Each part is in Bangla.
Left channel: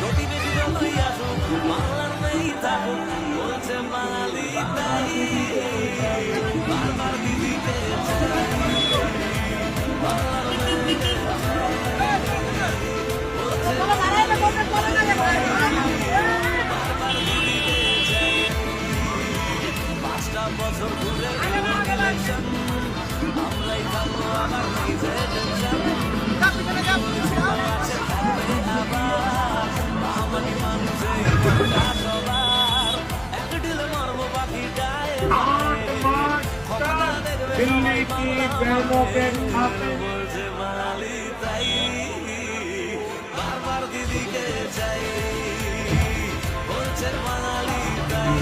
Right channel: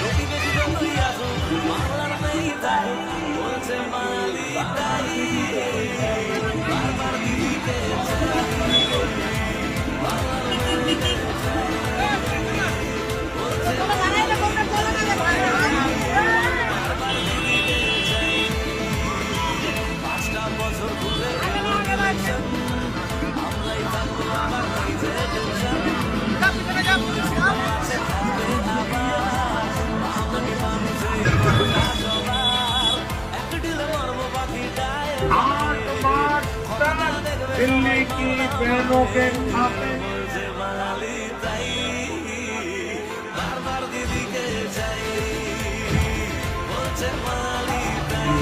প্রতিবেশী যতই আসুক বাংলার মেয়ে থাকুক বলছে বাঙালি তাই বারবার দিদিকে চাই বাংলার মেয়েকে চাই বলছে বারবার দিদিকে চাই 5টা বছর ঘুরে এলো ইলেকশন আমরাই থাকবো আবার নিজে টেনশন ছিল আছে থাকবে আবার আমাকে মানুষের কথা সবার এক ঢিলে মারবো পাখিটায় ক্ষমতা দেখবে সবাই বাংলা বলছে বাঙালি তাই বারবার দিদিকে চাই বলছে বাঙালি তাই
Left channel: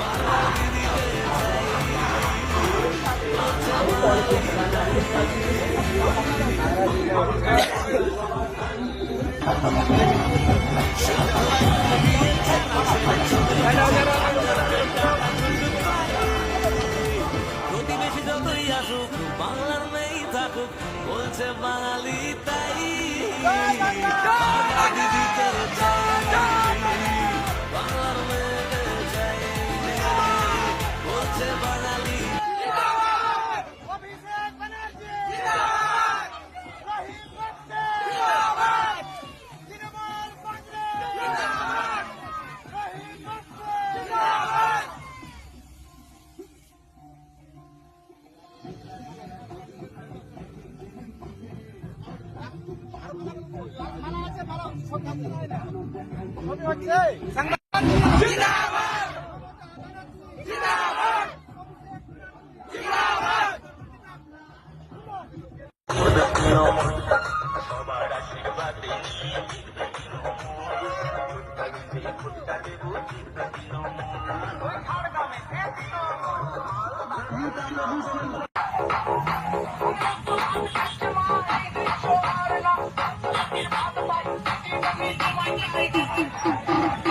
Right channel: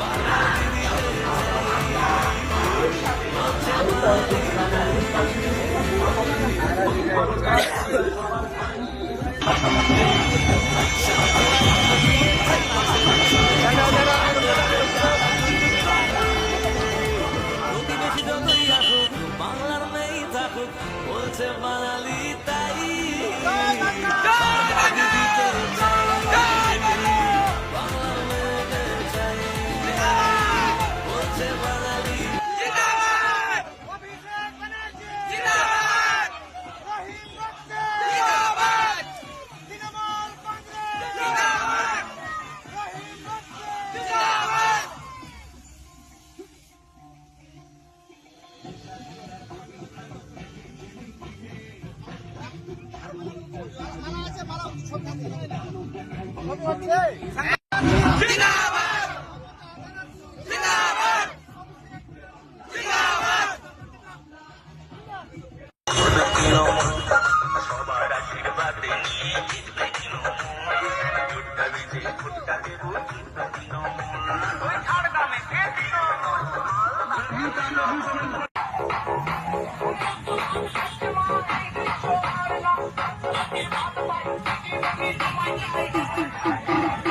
বারবার দিদিকে চাই বলছে বাঙালি তাই প্রতিবেশী যতই আসুক বাংলার মেয়ে থাকুক বলছে বাঙালি তাই দিদিকে চাই বাংলার মেয়েকে চাই বলছে বাঙালি Thank you.